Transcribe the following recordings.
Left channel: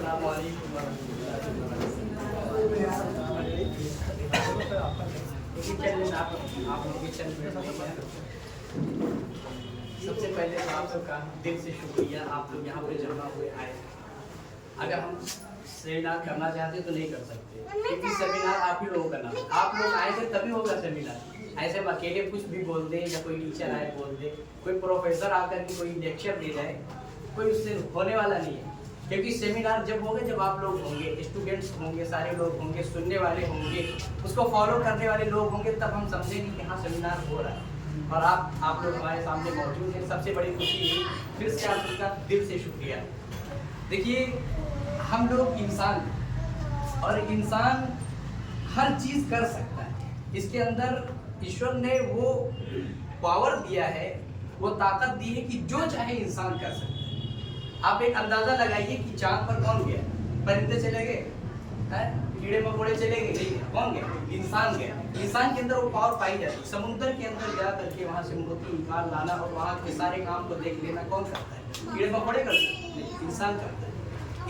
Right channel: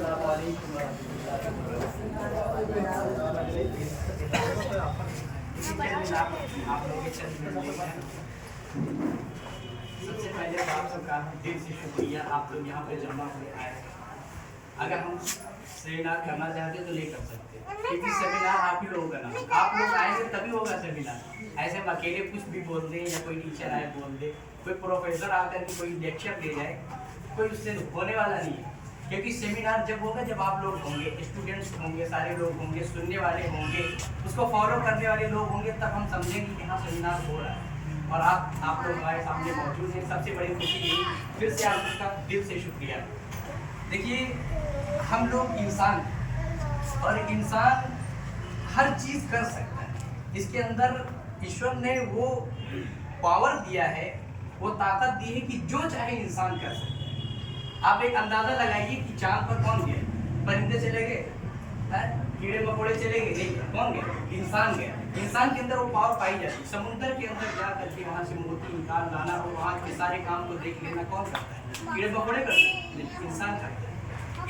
अस्सलामुअलैकुम सबसे पहले तो आप सबका दिल से शुक्रिया, आप लोग यहाँ पे जमा हुए आए। अगर हम सेमिनार करना चाहते तो नहीं कर सकते, क्योंकि सेमिनार आप ही लोगों का नाम, आप लोग आए थे तभी होगा सेमिनार। ऐसे हम अकेले कुछ भी बोल दें या कोई टीचर आए बोल दे, कोई प्रोफेसर आकर के कोई लेक्चर दे जाए, कोई उससे होने वाला नहीं है। क्योंकि सेमिनार जब होगा जब आप लोग होंगे, स्टूडेंट्स होंगे, सारे लोग होंगे, सुनने वाले होंगे, उसको फॉलो करने वाले लोग होंगे, तब हम समझेंगे कि हाँ सेमिनार हो रहा है और आप लोग हमारे सामने मौजूद हैं। सबसे बड़ी खुशी है, फिर से आप सबका दिल से शुक्रिया। देखिए, हम लोग इंसान हैं और इंसान हर चीज़ कर सकता है। इसके अंदर ईश्वर ने वो पावर दिया है, वो ताकत दी है कि जो चाहे इंसान कर सकता है। आप एक अंदाजा लगाइए कि चांद पर कौन गया? परिंदे चले गए? कीड़े मकोड़े चले गए? नहीं, कौन गया? इंसान गया। इंसान के अंदर वो पावर पाई जाती है। समुद्र के अंदर जा करके वहाँ से मोती निकाल लाना और वहाँ के सारे काम को देख लेना कौन करता है? कीड़े मकोड़े करते हैं? नहीं, इंसान करता है।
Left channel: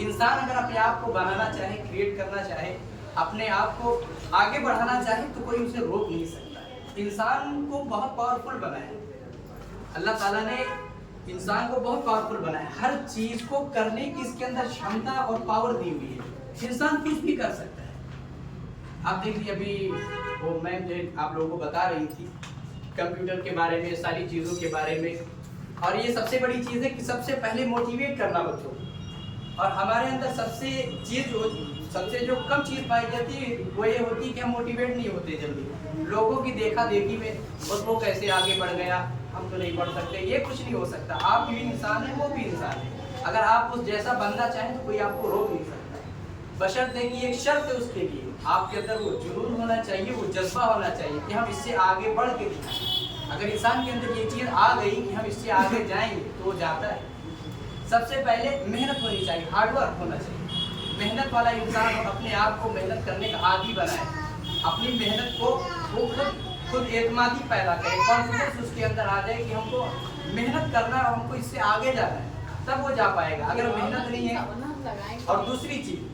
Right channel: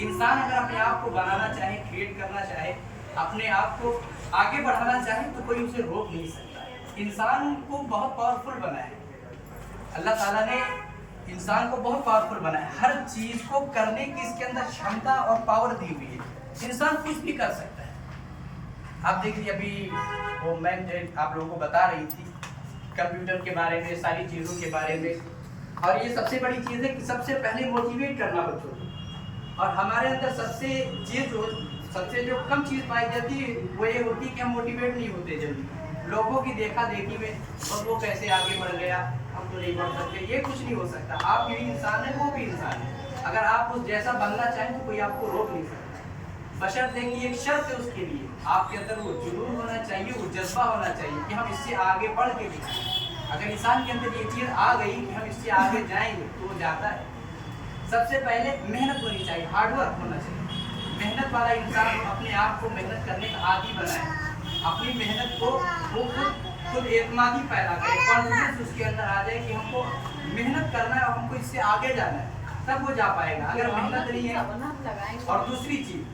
इंसान अगर अपने आप को बनाना चाहे, क्रिएट करना चाहे, अपने आप को आगे बढ़ाना चाहे तो कोई उसे रोक नहीं सकता। इंसान को बहुत पावरफुल बनाया है अल्लाह ताला ने, इंसान को बहुत पावरफुल बनाया है। हर चीज को करने की इसके अंदर क्षमता और पावर दी हुई है। इंसान कुछ भी कर सकता है। आप देखिए, अभी वो मैम जो आप लोगों को बता रही थी कंप्यूटर के बारे में, सारी चीज़ों के बारे में। और ये सबसे बड़ी चीज़ है कि सबसे पहले मोटिवेट करना बच्चों को। और हमारे अंदर सबसे जो कम चीज़ पाई जाती है वो ये होती है कि हम मोटिवेट नहीं होते जल्दी। लोगों की देखा देखी में और वो कैसे आगे बढ़ गया, हम तो नहीं बढ़ सकते, ये कुछ नहीं हो सकता। आप भी इंसान है, वो भी इंसान है। अगर आप उस जैसा बनना चाहें तो कोई आपको रोक नहीं सकता। बशर्ते कि एक शर्त है उसके लिए, आपके अंदर वो जुनून होना चाहिए, वो जज्बा होना चाहिए कि हम इससे आगे बढ़ के दिखाएं। अगर इंसान के अंदर ये चीज़ आ गई कि हम इससे आगे जाएंगे तो वो जाता है। सबसे पहले मेहनत होनी चाहिए, हार्डवर्क होना चाहिए। मेहनत वाला इंसान अपने आप को मेहनत करने का आदी बनाए, अपनी मेहनत को वो खुद एतमादी पैदा करे, कॉन्फिडेंस उसके अंदर आ जाए कि हमको मेहनत करना है और हमको इससे आगे जाना है, तब वो जा पाएगा। अगर मेहनत नहीं है। और दूसरी चीज़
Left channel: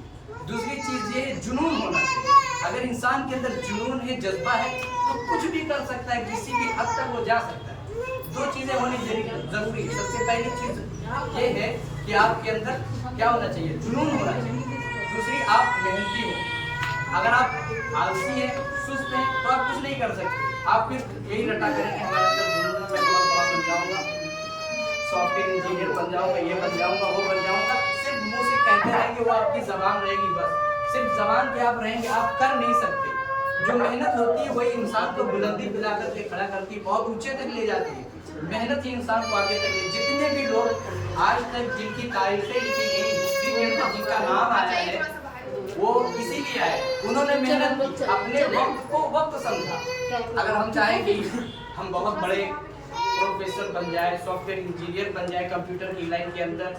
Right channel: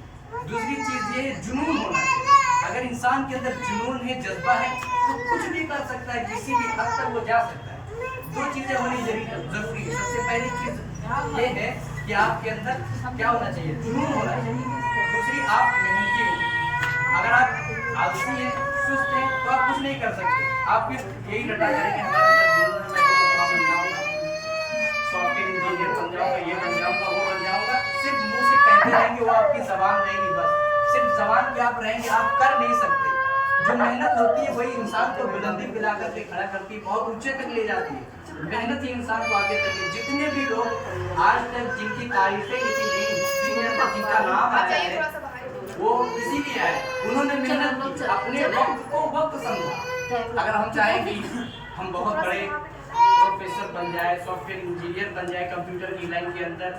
ये है, जुनून होना चाहिए। अगर इंसान के अंदर जुनून है, जज्बा है, तो कुछ भी कर सकता है, किसी भी हद तक वो जा सकता है। दो चीज़ें होनी जरूरी है। सबसे पहली चीज़ ये है कि आपके अंदर क्या होना चाहिए? जुनून होना चाहिए। दूसरी, आप मेहनती हो। अगर आप आलसी हैं, सुस्त हैं, तो आप कुछ नहीं कर सकते। आप फिर यही रटा करेंगे हमारे अंदर जुनून है, मैं बहुत बड़ा बन जाऊंगा, सॉफ्टवेयर इंजीनियर बन जाऊंगा, ये बन जाऊंगा, वो बन जाऊंगा। सिर्फ मुंह से कहते रहेंगे, वो आपकी जबान रहेगी, बस सिर्फ जबान पे आप रहेंगे, आप कर नहीं सकते। जो मेहनत होती है वही इंसान को बुलंदी पिला करके खड़ा करती है, बहुत ऊंचे तक ले जाती है। मेहनत ही इंसान को आगे तक ले। जितने भी लोग आज तक जिनकी तारीफें लिखी गई, हिस्ट्री के अंदर जिनका नाम आया है, वो इसीलिए आए, उन्होंने मेहनत की, अपने वक्त को वक्त समझा। अगर हम चाहें कि हम बहुत बड़े प्रोफेसर बन जाए, सॉफ्टवेयर इंजीनियर बन जाए कंप्यूटर की लाइन के अंदर,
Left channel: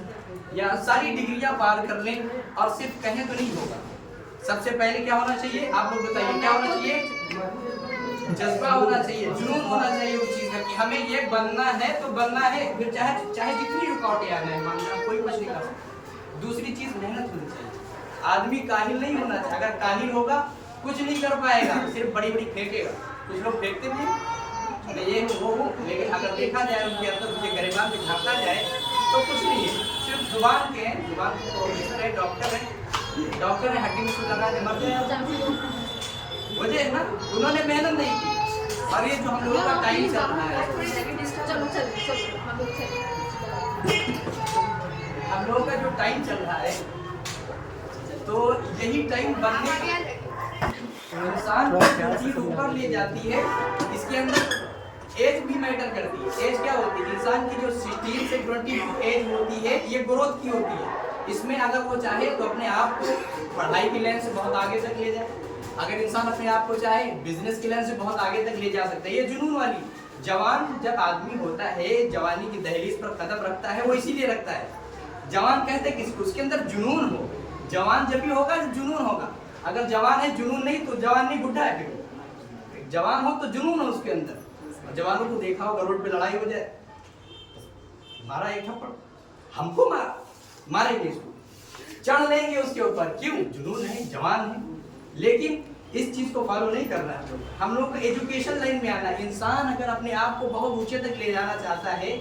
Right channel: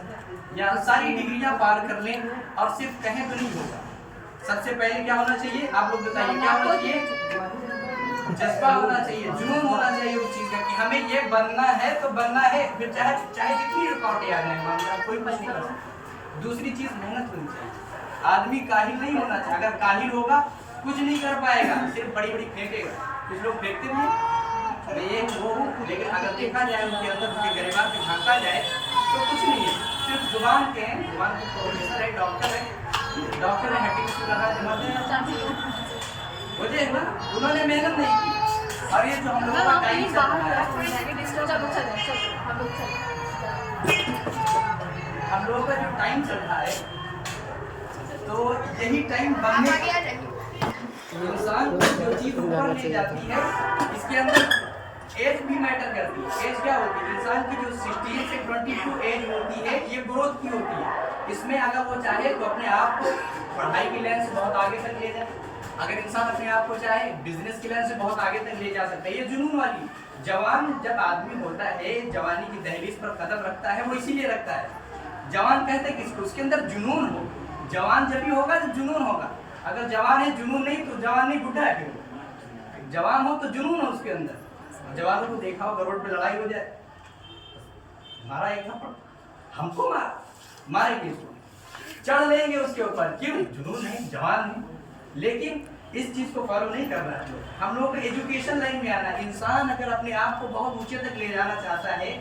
या सारी डिग्रियां पार कर लें और सिर्फ कहें तो नहीं होगा। सबसे पहले क्या होना चाहिए? आप लोग बताइए, क्या होना चाहिए? जज्बा होना चाहिए, जुनून होना चाहिए उस चीज़ का कि हमें ये बनना है तो बनना है, फिर चाहे जितनी रुकावटें आ जाए, मान लो कोई कुछ नहीं कर सकता। दूसरी चीज़, मेहनत होनी चाहिए। आदमी काहिल नहीं होना चाहिए। अगर काहिल होगा कुछ नहीं कर पाएगा, सिर्फ बड़ी बड़ी फेंकेगा। कुछ लोग फेंकते भी ये वो, लेकिन अगर देखा जाए उनके अंदर, उनके गरिमा में झांका जाए तो कुछ नहीं है, सिर्फ जुबान के हैं। जुबान के प्रोफेसर है, डॉक्टर है, हकीम वजह है ना, उन्होंने मेहनत नहीं की। और ये जो हम लोगों का टाइम चल रहा है, हम लोगों का जो टाइम चल रहा है, तो यही टाइम बनने इंसान को जो चीज़ ऊपर ले जाती है, इसके अंदर एज भी मैटर करती है। एज क्या होती है? इंसान की जो 16 से 22 एज होती है, ये ग्रोथ की होती है। इसमें अगर वो चाहे तो अपने आप को पढ़ाई की लाइन से बहुत आगे तक ले जाए। अगर इंसान अपने आप को चाहे बिजनेस की लाइन से बहुत आगे तक ले जा सकता है। ये जुनून वाली, जवान जब आदमी होता है, जवानी की दहलीज पर कदम रखता है, वो इसीलिए रखता है। जवान कहते हैं किसको? उसके अंदर जुनून हो। जवान जब भी होगा तो जुनून होगा। अगर जवान है, जुनून नहीं, तो जवान नहीं, बुढ़ा है। फिर जवान हो तो जुनून हो उसके अंदर। जवानों को देखा होगा रोड पे लड़ाई हो जाए, मारा एक थप्पड़, हमको मारेंगे इसको, चढ़ लेंगे उसके ऊपर, क्यों? जुनून है, जवान है। लेकिन इस चीज को फॉलो नहीं करना है। हम लोग को एजुकेशन लाइन में आना है। इंसान अगर अपने आप को बहुत ऊंचे तक ले जाना चाहता है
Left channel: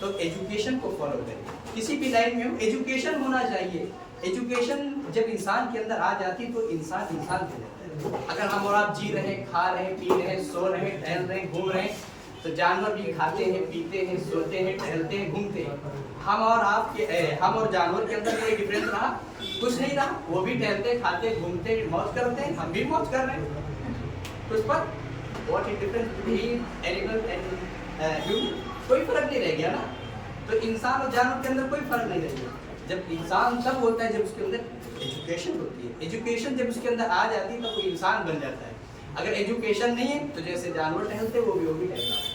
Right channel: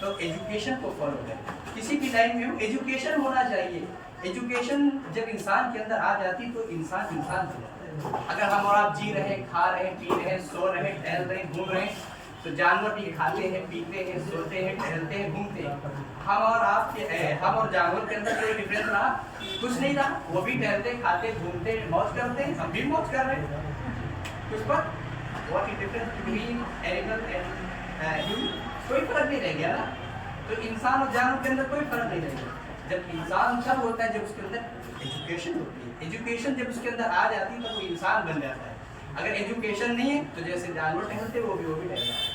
तो एजुकेशन को फॉलो करें। किसी भी लाइन में हो एजुकेशन होना चाहिए। एजुकेशन जब इंसान के अंदर आ जाती तो इंसान इंसान हो जाता है। अगर हम और आप जी रहे हैं, खा रहे हैं, पी रहे हैं, सो रहे हैं, टहल रहे हैं, घूम रहे हैं, तो जानवर भी खाते हैं, पीते हैं, सोते हैं, टहलते हैं, घूमते हैं। हम और जानवर के अंदर कोई डिफरेंस रहा? कुछ नहीं रहा। वो भी टहलते, खाते, घूमते, मौज करते हैं, हम भी मौज कर रहे हैं। कुछ पर what is difference between animal and human? कोई फर्क नहीं रह गया ना। तो इंसान और जानवर के अंदर कोई फर्क नहीं रह गया। जब इंसान तब होता है जब उसके अंदर एजुकेशन होती है। एजुकेशन जब उसके अंदर आ जाती है तो वो इंसान बन जाता है। अगर एजुकेशन नहीं है तो जैसे जानवर टहलते वो भी टहलता है।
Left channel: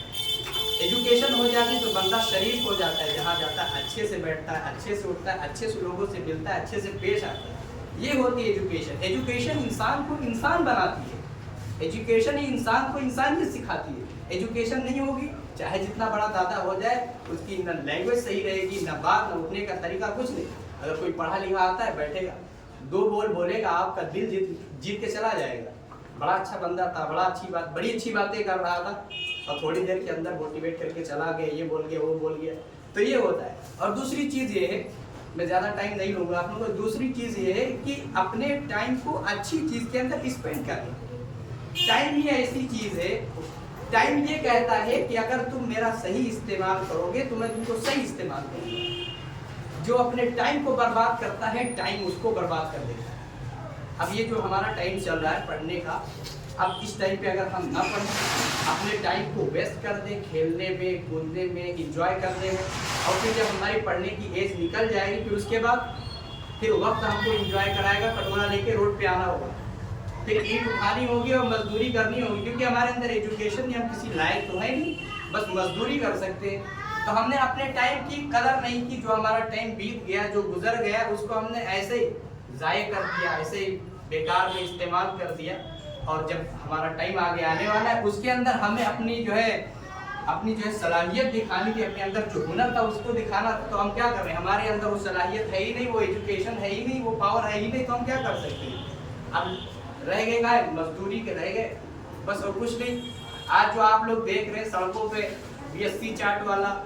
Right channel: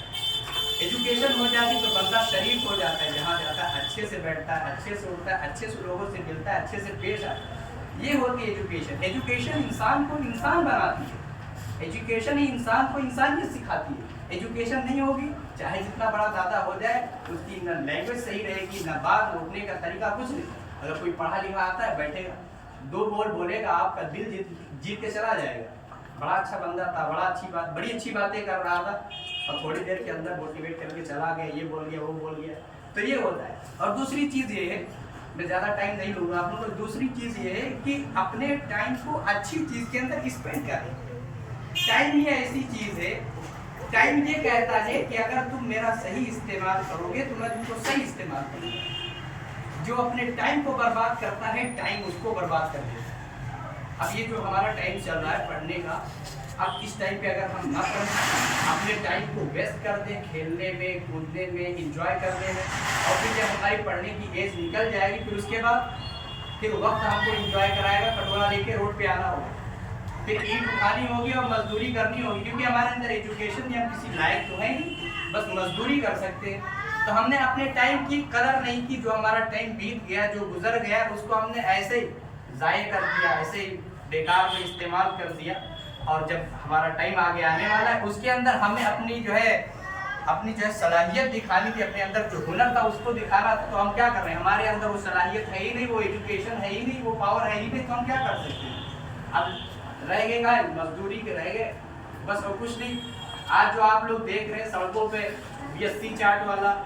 एजुकेशन हो जाती तो बंदा शरीफ हो जाता है, जहाँ जाता है अच्छे से बैठता है, अच्छे से उठता है, अच्छे से लोगों से मिलता है, अच्छे से पेश आता है। ये होती है एजुकेशन। एजुकेशन इंसान को इंसान बनाती है। एजुकेशन ही इंसान को इंसानियत सिखाती है। एजुकेशन नहीं होगी चाहे जितना बड़ा दादा हो जाए, उसकी न लैंग्वेज सही रहेगी, न बात, न उठने का तरीका, कुछ नहीं। अगर कोई पढ़ा लिखा आता है, बैठेगा, दो बोल बोलेगा, आपका दिल जीत के चला जाएगा। बड़ा अच्छा बंदा था, बड़ी अच्छी बातें कर रहा था, और थोड़ी देर के अंदर मोटिवेट करके चला गया, ये बोल गया, वो बोल गया। तो ये होता है। और दूसरी चीज़ ये है, मैं ज़्यादा टाइम नहीं लूँगा आप लोगों को। दूसरी चीज़ ये है कि अपने टाइम को अच्छी चीज़ के अंदर स्पेंड करें। टाइम ही ऐसी चीज़ है, टाइम ये कहता है कि अगर तुम मेरा सही इस्तेमाल करोगे तो मैं तुमको सही इस्तेमाल करूँगा। जो अपने टाइम को बर्बाद करता है, टाइम उसको बर्बाद कर देगा। अब ये जो हमारा टाइम चल रहा है पढ़ने का, अब इस टाइम पे अगर हम ना पढ़ें, अपने टाइम को वेस्ट कर दें खेलने में, कूदने में, एंजॉय करने में, और फिर जब हमारी पढ़ने की एज निकल जाएगी, फिर उसके बाद फिर वक्त हमको एंजॉय कराएगा, कटोरा लेके रोड पे आना होगा, फिर ईंट उठानी होगी और मजदूरी करनी होगी, क्योंकि हमारे अंदर एजुकेशन नहीं, हम किसी लायक तो है नहीं, बस मजदूरी कर सकते हैं। तो हमने अपने टाइम की कदर नहीं की। जो हमारा टाइम बीत गया, जो गुजर गया, उसको हमने ऐसे ही ज़ाय कर दिया, ऐसे ही बेकार में इस्तेमाल कर दिया। और जब हमारा टाइम आगे आने वाला है, उसके अंदर हमें अपनी जो है सलाहियत दिखानी थी, अपने अंदर जो हुनर था उसको दिखाना था। तो हम क्या कर रहे हैं? हमारे अंदर वो सलाहियत है ही नहीं, वो एजुकेशन है ही नहीं, वो पावर है ही नहीं, तो हम क्या कर सकते हैं? अब रह गए का मजदूरी के रह गए, बस, और कुछ नहीं। आज जो आप लोग देख रहे हैं सड़कों पे BSc चार्ट वाला,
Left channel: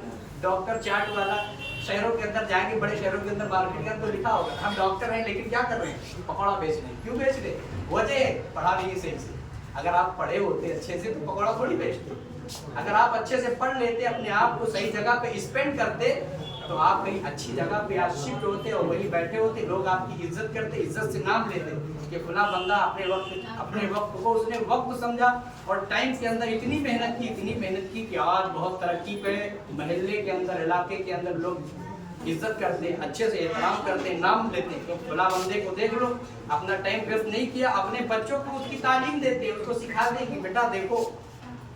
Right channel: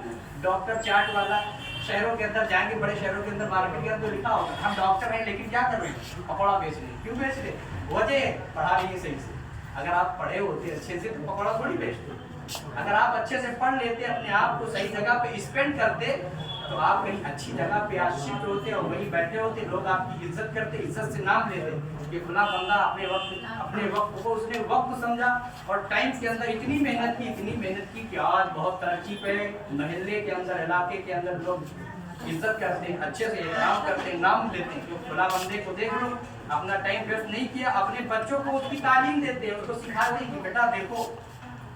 डॉक्टर चार्ट वाला, शहरों के अंदर जाएंगे, बड़े शहरों के अंदर मार्केट के अंदर तो लिखा होगा हम डॉक्टर हैं, लेकिन क्या कर रहे हैं? पकौड़ा बेच रहे हैं। क्यों बेच रहे? वजह है पढ़ा नहीं सही से। अगर आप पढ़े होते अच्छे से तो पकौड़ा थोड़ी बेचते। अगर आप अच्छे से पढ़ लेते, अपने आप को सही जगह पे स्पेंड करते, तो आप कहीं अच्छी जगह पे आज शिफ्ट होते और वहीं बैठे होते, लोग आपकी इज्जत करते, इज्जत से नाम लेते कि फला बंदा अपने वक्त को उसने वक्त समझा और टाइम के अंदर इतनी मेहनत की कि आज बहुत तरक्की पे, महल्ले के अंदर, इलाके के अंदर लोग इज्जत करते, अच्छे से एहतराम करते, नाम लेते। तो फला बंदे को देख लो, अपना टाइम वेस्ट नहीं किया, अपने बच्चों को उसकी तालीम देते, उसको सिखाते कि बेटा देखो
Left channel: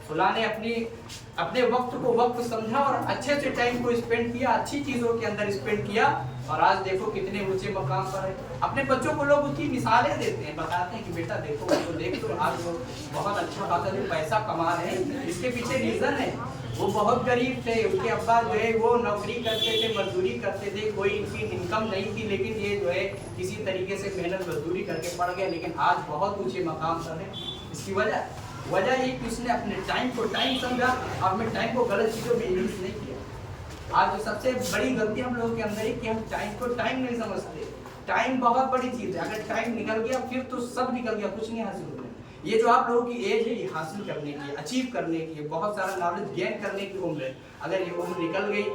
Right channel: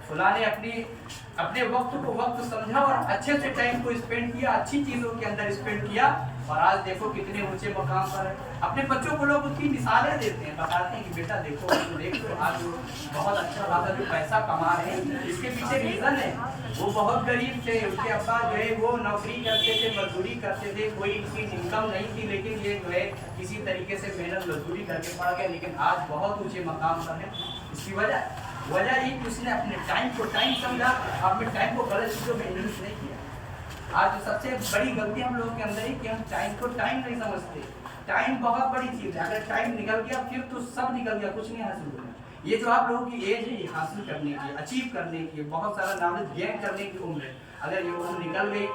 फला ने अपने वक्त को वक्त समझा और अच्छे से टाइम को स्पेंड किया, अच्छी चीज़ों के अंदर स्पेंड किया, और आज देखो कितने ऊंचे मकाम पर है। अपने बच्चों को लोग उसकी मिसालें देते हैं, बताते हैं कि बेटा देखो तो देख लो, आज वो बहुत अच्छा खासा जो पैसा कमा रहे हैं, इसके पीछे रीज़न है वो बहुत गरीब थे, उनके अब्बा जो है वो नौकरी करते थे, मजदूरी करते थे, कोई इनकी इनकम नहीं थी, लेकिन ये जो है किसी तरीके से मेहनत मजदूरी करके पढ़ गए, लेकिन आज बहुत ऊँचे मकाम पर है। इसकी वजह ये कि उसने अपने टाइम को टाइम समझा, अपने टाइम को गलत चीज़ों में यूज नहीं किया। आज जो सबसे बड़ी गलती हम लोगों के अंदर है कि हम टाइम को टाइम नहीं समझते। टाइम बहुत बड़ी चीज़ है, अगर टाइम निकल गया फिर तो सब निकल गया, कुछ नहीं हासिल होगा। ये जो आप लोगों की एज है, ये हासिल करने की, अचीव करने की, बहुत सारा नॉलेज गेन करने की उम्र है। अगर ये उम्र निकल गई,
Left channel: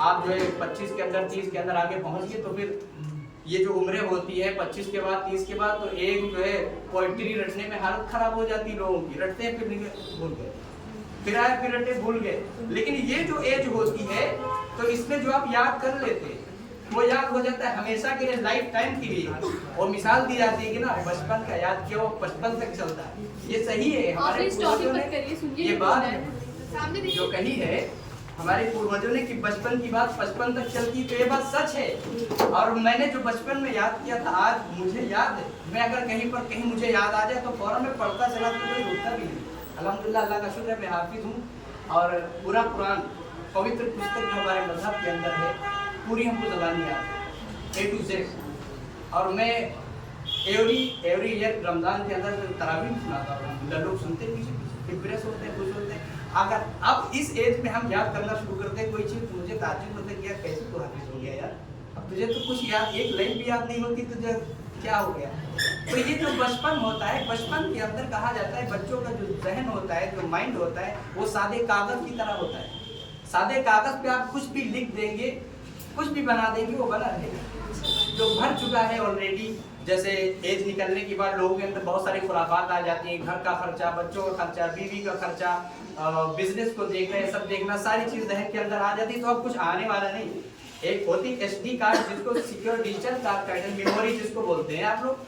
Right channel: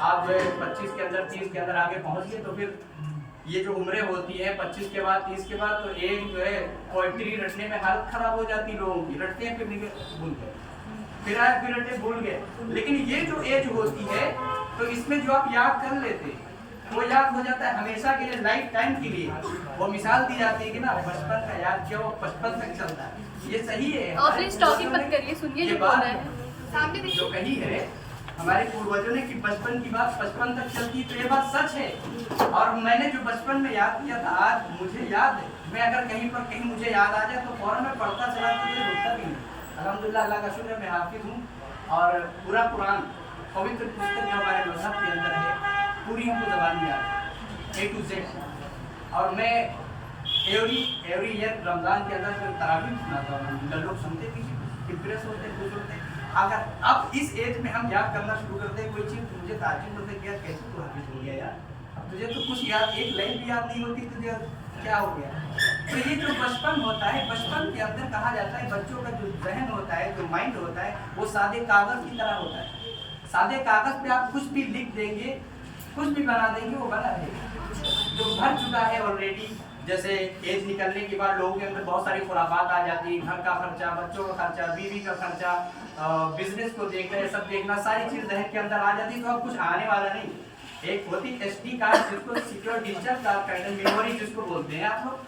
आप जो है 25 के अंदर, 30 के अंदर आगे पहुँच गए, तो फिर ये जो उम्रें होती है 25 के बाद, 30 के बाद, तो एक जो है पोइट्री रटने में हालत खराब हो जाती है लोगों की। रटते हैं, फिर भूल गए, फिर आए, फिर रटे, भूल गए। लेकिन ये जो एज होती है, तो इसमें जो आप याद कर लेते हैं वो याद हो जाता है हमेशा के लिए, लाइफ टाइम के लिए। वो मिसाल दी जाती है कि ना बचपन का याद किया, वो 55 तक चलता है। ये सही है, ये बात जो कही है हमारे पूर्वजों ने कि बचपन की बात 55 तक चलती, तो ये बात सच है। और मैंने जो बचपन में याद किया था, आज मुझे याद है। मैं अगर कहीं मुझे याद आ जाए तो फौरन मैं पढ़ता चला, तो रुकता भी नहीं। अल्हम्दुलिल्लाह, अल्लाह का शुक्र है, मैं हाफिज हूँ, और पूरा कुरान पवित्र पुस्तक जो हमारे मजहब के अंदर है, पूरी हमको ज़बानी याद है, A to Z। और मैं एवरी ईयर रमज़ान के अंदर तरावीह सुनाता हूँ, लोग सुनते भी डिप्रेस होते हैं, खुश होते हैं। अगर अब इस एज में हम याद करना शुरू करते हैं कोई चीज़, तो मुझे ताज्जुब होता है कि यार कैसे तू हाफिज हो गया यार, अब तुझे तो कुछ याद, एक लाइन भी याद नहीं होती, तुझे क्या हो गया। तो ये जो बचपन होता है, बचपन के अंदर कहा जाता है बच्चों का जो जहन होता है, जो माइंड होता है, वो सादे कागज़ की तरह होता है। सादे कागज़ पे आप कुछ भी लिख देंगे, कुछ भी बना देंगे, वो बना रहेगा। जो भर चुका है ऑलरेडी, जैसे एज निकलने के बाद लोगों के अंदर बहुत सारी खुराफात आ जाती हैं, घर का खर्चा, बच्चों का खर्चा, बीवी का खर्चा, बिजनेस को देखना, ये सब देखना, सारी चीज़ जहन के अंदर आ जाती है, तो अब कुछ आने वाला नहीं। एक होती SD कार्ड, जिसको सिक्योर डिजिटल कार्ड का मेमोरी जिसको बोलते हैं आप लोग,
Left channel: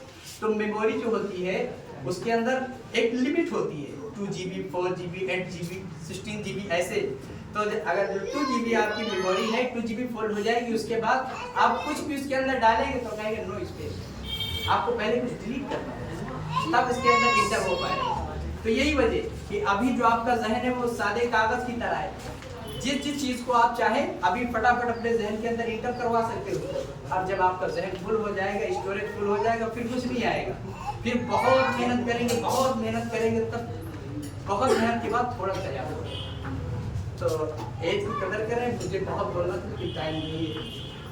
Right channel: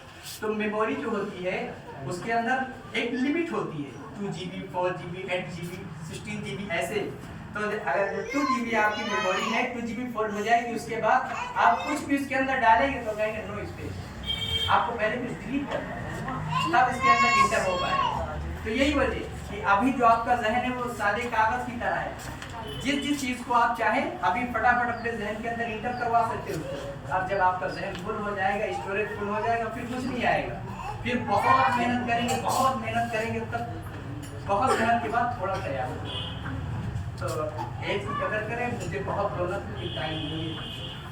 तो मेमोरी जो होती है उसके अंदर एक लिमिट होती है, 2 GB, 4 GB, 8 GB, 16 GB ऐसे। तो अगर 2 GB आपकी मेमोरी है, 2 GB फुल हो जाएगी, उसके बाद आप कुछ भी उसके अंदर डालेंगे तो कहेंगे नो स्पेस, आपको पहले कुछ डिलीट करना है, तब इसके अंदर इंटर हो पाएगा। तो यही वजह कि अभी जो आपका जहन है वो सादे कागज़ की तरह है, जिस चीज़ को आप चाहें अभी फटाफट अपने जहन के अंदर इंटर करवा सकते हो उसको। और जब आपका जहन फुल हो जाएगा, स्टोरेज फुल हो जाएगा, फिर कुछ नहीं आएगा, फिर बहुत मेहनत करेंगे, बहुत मेहनत करेंगे, तब बहुत मेहनत के बाद थोड़ा तैयार हो। तो एज की कदर करें, मुझे बहुत बोलना था कि टाइम नहीं है,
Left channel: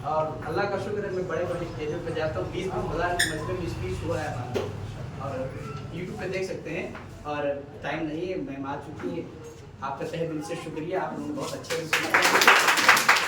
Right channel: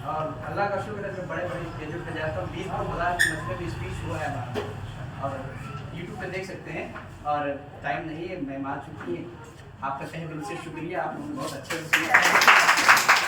और अल्लाह का शुक्र है मैं बड़े बड़े स्टेजों पे जाता हूँ, 20,000 की मजमे में स्पीच हुआ है हमारा, और यूट्यूब पे देख सकते हैं। और टाइम नहीं है, मैं आ चुकी है, आपका तहे दिल से शुक्रिया, आप लोग बहुत अच्छे से